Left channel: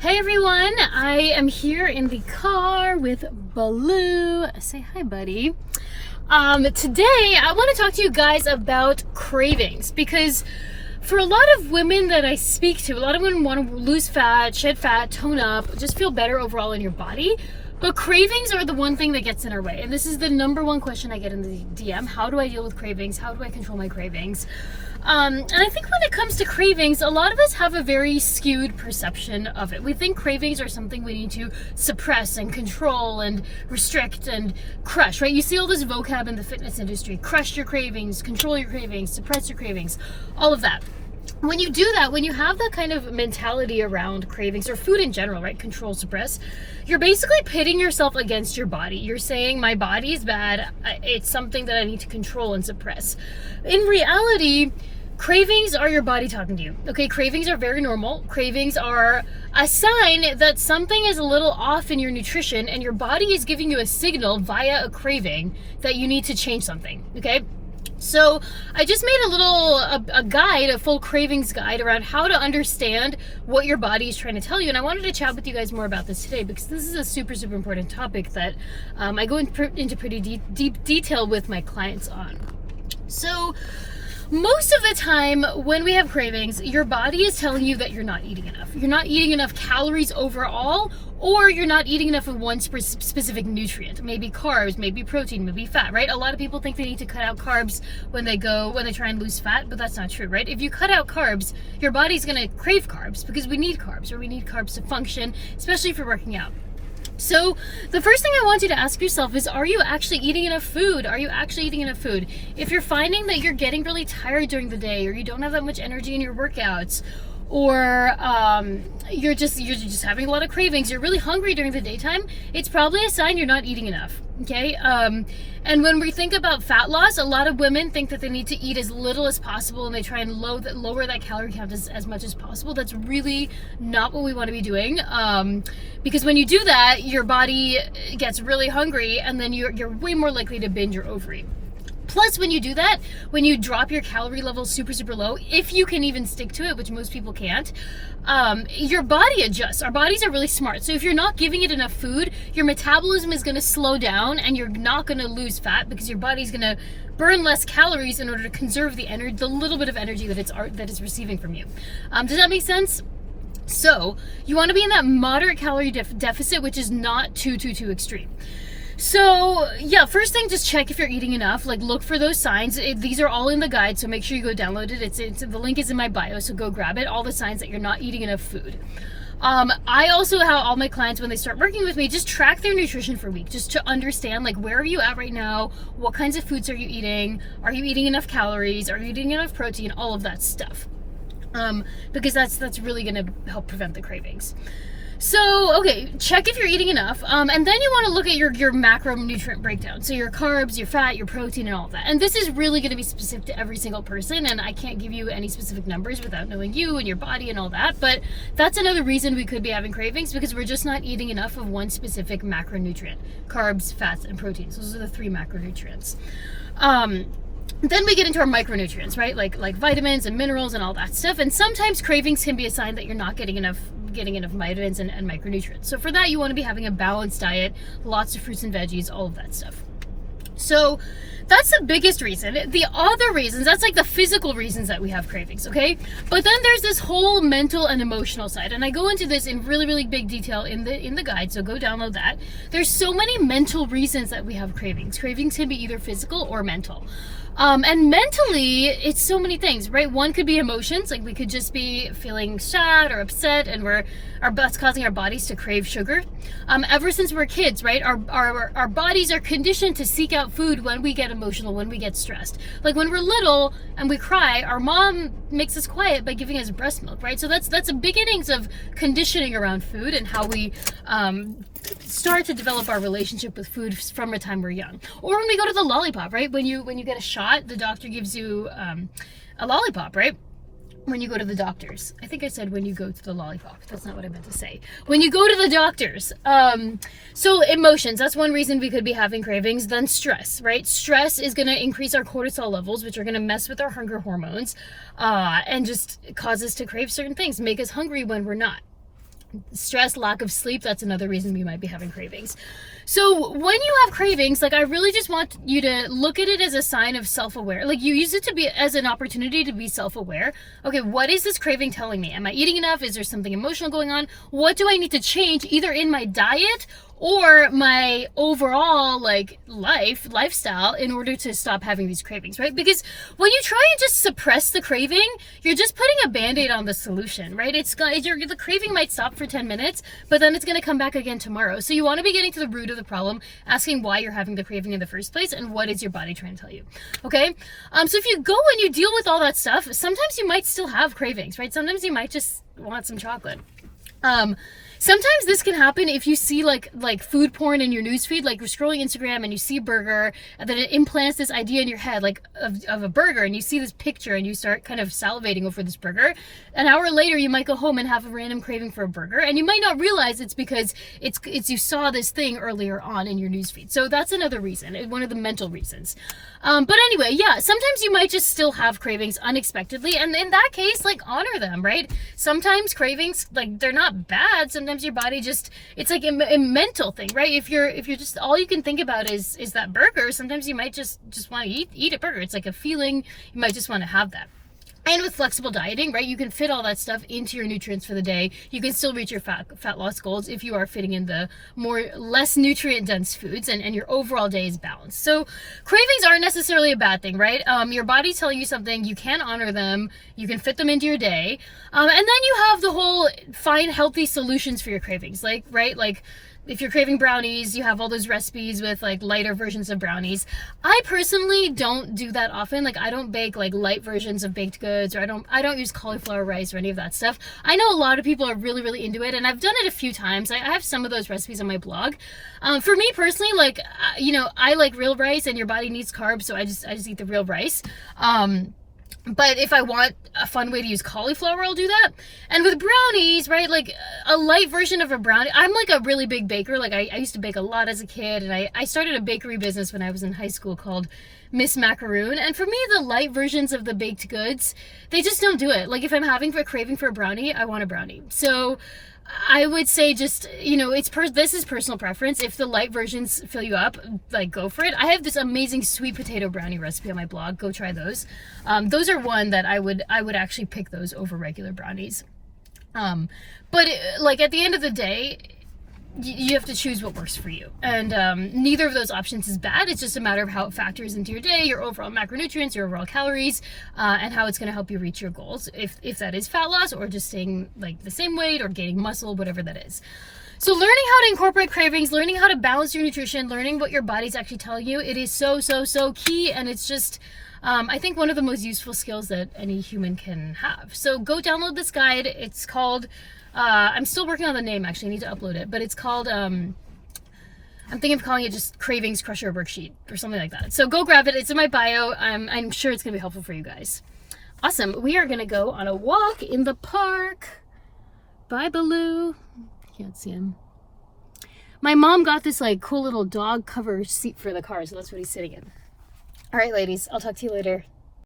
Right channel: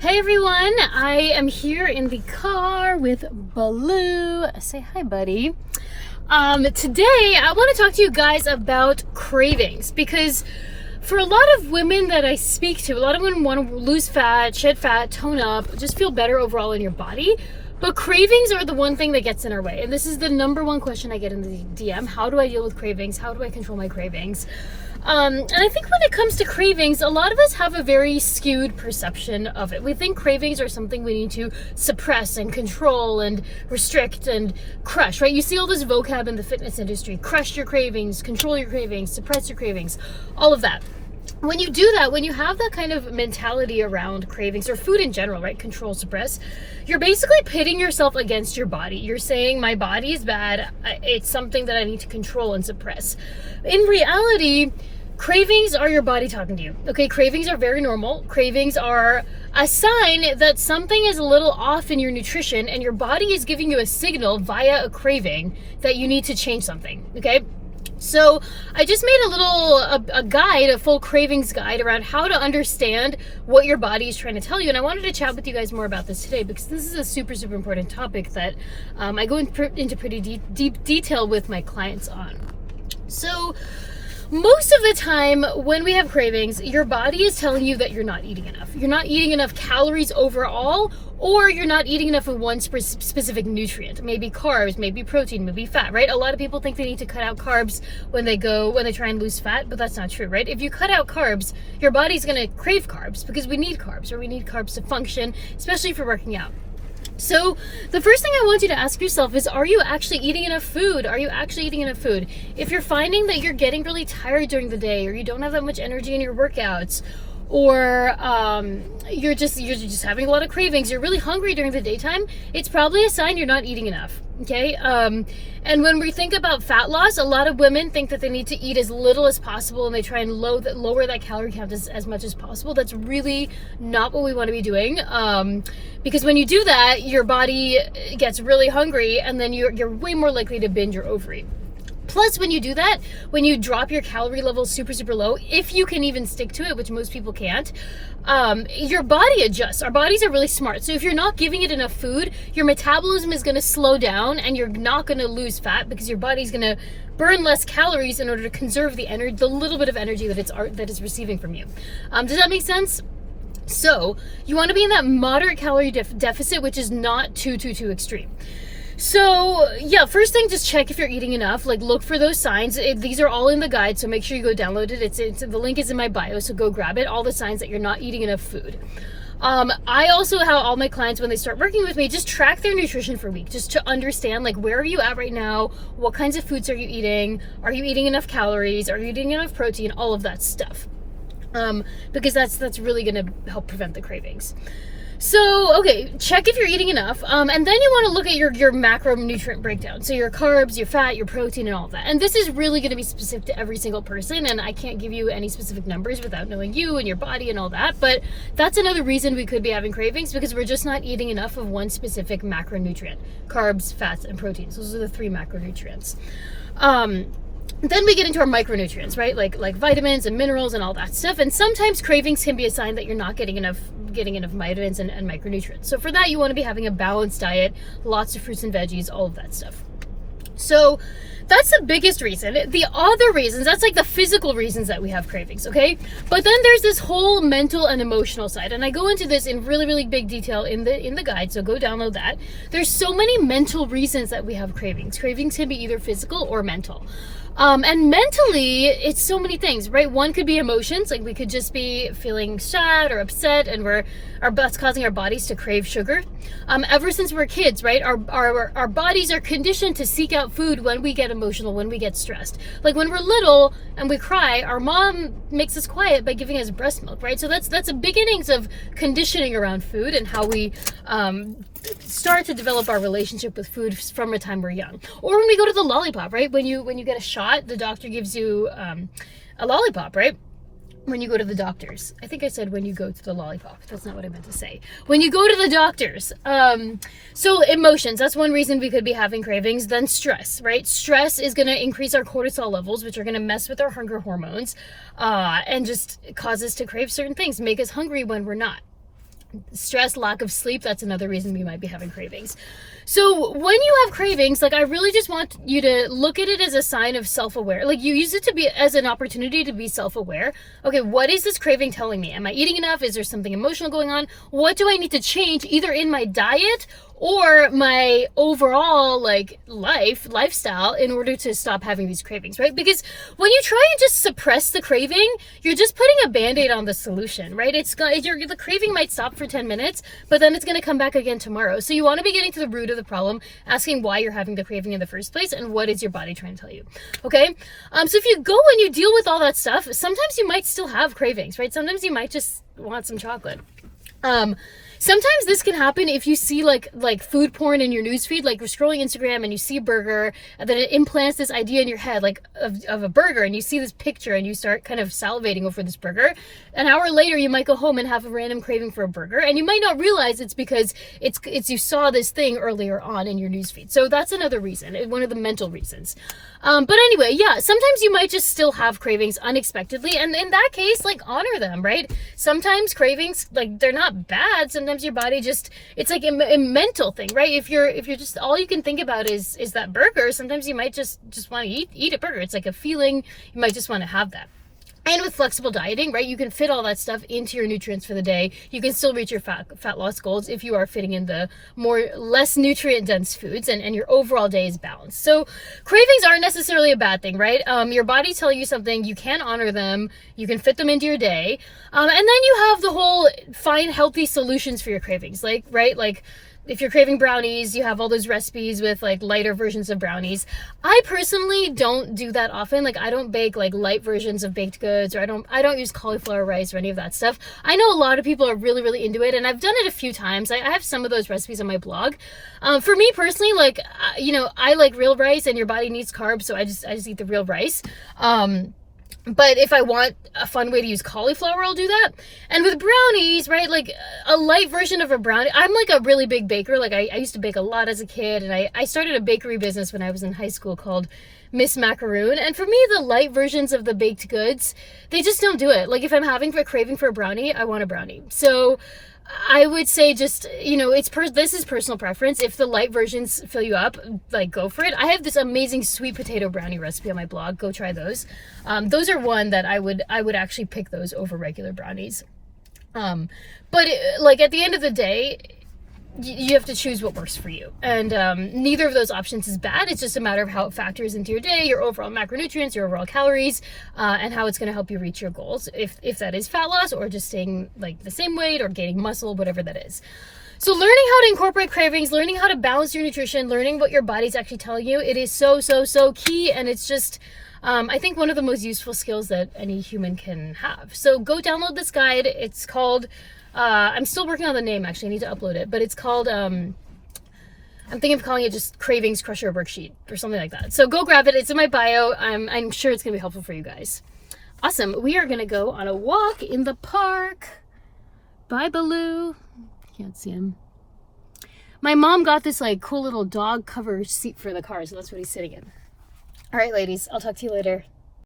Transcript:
Hey everyone, I am here in the car with Baloo. Say hi, buddy. Today I want to talk to you guys about cravings, because for a lot of women that I speak to, a lot of women want to lose fat, shed fat, tone up, just feel better overall in your body. But cravings are the one thing that gets in our way. And this is the number one question I get in the DM. How do I deal with cravings? How do I control my cravings? And I think when it comes to cravings, a lot of us have a very skewed perception of it. We think cravings are something we need to suppress and control and restrict and crush, right? You see all this vocab in the fitness industry: crush your cravings, control your cravings, suppress your cravings, all of that. When you do that, when you have that kind of mentality around cravings or food in general, right? Control, suppress, you're basically pitting yourself against your body. You're saying, my body is bad. It's something that I need to control and suppress. In reality, cravings are your body talking to you. Okay, cravings are very normal. Cravings are a sign that something is a little off in your nutrition, and your body is giving you a signal via a craving that you need to change something. Okay. So I just made a guide, a full cravings guide around how to understand what your body is trying to tell you. And I wanted to chat with you guys more about this today, because this is a super important topic that I go into pretty deep detail with my clients on. So most of the time when we have cravings, your body is telling you that you're not eating enough. You're not eating enough calories overall, or you're not eating enough of one specific nutrient. Maybe carbs, maybe protein, maybe fat, right? A lot of people think they need to cut out carbs when they try and lose fat, but that's not true, right? If you cut out carbs, your body's gonna crave carbs, because we need carbs, or we need carbs to function, especially if you're working out. So the first thing I want you to ask yourself is, are you actually eating enough food? Are you actually eating enough food? If you're finding that you're getting really tired during the day, or you don't have that much energy in your workouts, or you're just having a lot of cravings, you're really hungry during the daytime, it's probably a sign you're not eating enough. Okay. And when we think about fat loss, a lot of women think that they need to eat as little as possible, and they try and lower that calorie count as much as possible. That's really not what we want to be doing. Because when you do that, your body gets really hungry, and then you're way more likely to binge or overeat. Plus, when you do that, when you drop your calorie level super low, if you can even stick to it, which most people can't, your body adjusts. Our bodies are really smart. So if you're not giving it enough food, your metabolism is going to slow down, and you're not going to lose fat, because your body's going to burn less calories in order to conserve the little bit of energy that it's receiving from you. Does that make sense? So you want to be in that moderate calorie deficit, which is not too extreme. So yeah, first thing, just check if you're eating enough. Like, look for those signs. These are all in the guide, so make sure you go download it. The link is in my bio, so go grab it. All the signs that you're not eating enough food. I also have all my clients, when they start working with me, just track their nutrition for a week, just to understand, like, where are you at right now? What kinds of foods are you eating? Are you eating enough calories? Are you eating enough protein? All of that stuff. Because that's really going to help prevent the cravings. So, okay, check if you're eating enough, and then you want to look at your macronutrient breakdown. So your carbs, your fat, your protein, and all of that. And this is really going to be specific to every single person, and I can't give you any specific numbers without knowing you and your body and all that. But that's another reason we could be having cravings, because we're just not eating enough of one specific macronutrient: carbs, fats, and proteins. Those are the three macronutrients. Then we get into our micronutrients, right? Like vitamins and minerals and all that stuff. And sometimes cravings can be a sign that you're not getting enough vitamins and micronutrients. So for that, you want to be having a balanced diet, lots of fruits and veggies, all of that stuff. So that's the biggest reason. The other reasons, that's like the physical reasons that we have cravings, okay? But then there's this whole mental and emotional side, and I go into this in really big detail in the guide, so go download that. There's so many mental reasons that we have cravings. Cravings can be either physical or mental. And mentally, it's so many things, right? One could be emotions, like we could just be feeling sad or upset, and that's causing our bodies to crave sugar. Ever since we're kids, right? Our bodies are conditioned to seek out food when we get emotional, when we get stressed. Like when we're little and we cry, our mom makes us quiet by giving us breast milk, right? So that's the beginnings of conditioning around food, and how we start to develop our relationship with food from the time we're young. Or when we go to the lollipop, right? When you get a shot, the doctor gives you a lollipop, right? When you go to the doctors. I think I said when you go to the lollipop. That's not what I meant to say. When you go to the doctors. So emotions, that's one reason we could be having cravings. Then stress, right? Stress is going to increase our cortisol levels, which are going to mess with our hunger hormones, and just cause us to crave certain things, make us hungry when we're not. Stress, lack of sleep, that's another reason we might be having cravings. So when you have cravings, like I really just want you to look at it as a sign of self-aware. Like you use it to be as an opportunity to be self-aware. Okay, what is this craving telling me? Am I eating enough? Is there something emotional going on? What do I need to change either in my diet or my overall like lifestyle in order to stop having these cravings, right? Because when you try and just suppress the craving, you're just putting a band-aid on the solution, right? The craving might stop for 10 minutes, but then it's going to come back again tomorrow. So you want to be getting to the root of the problem, asking why you're having the craving in the first place and what is your body trying to tell you. Okay, so if you go and you deal with all that stuff, sometimes you might still have cravings, right? Sometimes you might just want some chocolate. Sometimes this can happen if you see like food porn in your newsfeed, like you're scrolling Instagram and you see a burger, and then it implants this idea in your head like of a burger, and you see this picture and you start kind of salivating over this burger. An hour later, you might go home and have a random craving for a burger, and you might not realize it's because it's you saw this thing earlier on in your newsfeed. So that's another reason, one of the mental reasons. But anyway, yeah, sometimes you might just still have cravings unexpectedly, and in that case, like honor them, right? Sometimes cravings, like they're not bad. Sometimes your body just, it's like a mental thing, right? If you're just, all you can think about is that burger, sometimes you might just want to eat a burger. It's like a feeling, you might just want to have that. And with flexible dieting, right, you can fit all that stuff into your nutrients for the day. You can still reach your fat loss goals if you are fitting in the less nutrient dense foods, and your overall day is balanced. So cravings aren't necessarily a bad thing, right? Your body's telling you something, you can honor them, you can fit them into your day. And then you have the whole find healthy solutions for your cravings, like, right? Like, if you're craving brownies, you have all those recipes with like lighter versions of brownies. I personally don't do that often. Like I don't bake like light versions of baked goods, or I don't use cauliflower rice or any of that stuff. I know a lot of people are really, really into it, and I've done it a few times. I have some of those recipes on my blog. For me personally, like, I like real rice, and your body needs carbs, so I just eat the real rice. But if I want a fun way to use cauliflower, I'll do that. And with brownies, right, like a light version of a brownie, I'm like a really big baker. Like I used to bake a lot as a kid, and I started a bakery business when I was in high school called Miss Macaroon. And for me, the light versions of the baked goods, they just don't do it. Like if I'm having a craving for a brownie, I want a brownie. So I would say just, this is personal preference. If the light versions fill you up, like go for it. I have this amazing sweet potato brownie recipe on my blog. Go try those. Those are one that I would actually pick those over regular brownies. But like at the end of the day, you have to choose what works for you. And neither of those options is bad. It's just a matter of how it factors into your day, your overall macronutrients, your overall calories, and how it's going to help you reach your goals. If that is fat loss, or just staying like the same weight, or gaining muscle, whatever that is. So learning how to incorporate cravings, learning how to balance your nutrition, learning what your body's actually telling you, it is so, so, so key. And it's just, I think one of the most useful skills that any human can have. So go download this guide. It's called, I'm still working on the name, actually. I need to upload it, but it's called, I'm thinking of calling it just Cravings Crusher Worksheet or something like that. So go grab it. It's in my bio. I'm sure it's going to be helpful for you guys. Awesome. We are going to go on a walk in the park. Bye, Baloo. Can't see him. My mom got this like cool little dog cover seat for the car, so that's what he's sitting in. All right, ladies. I'll talk to you later.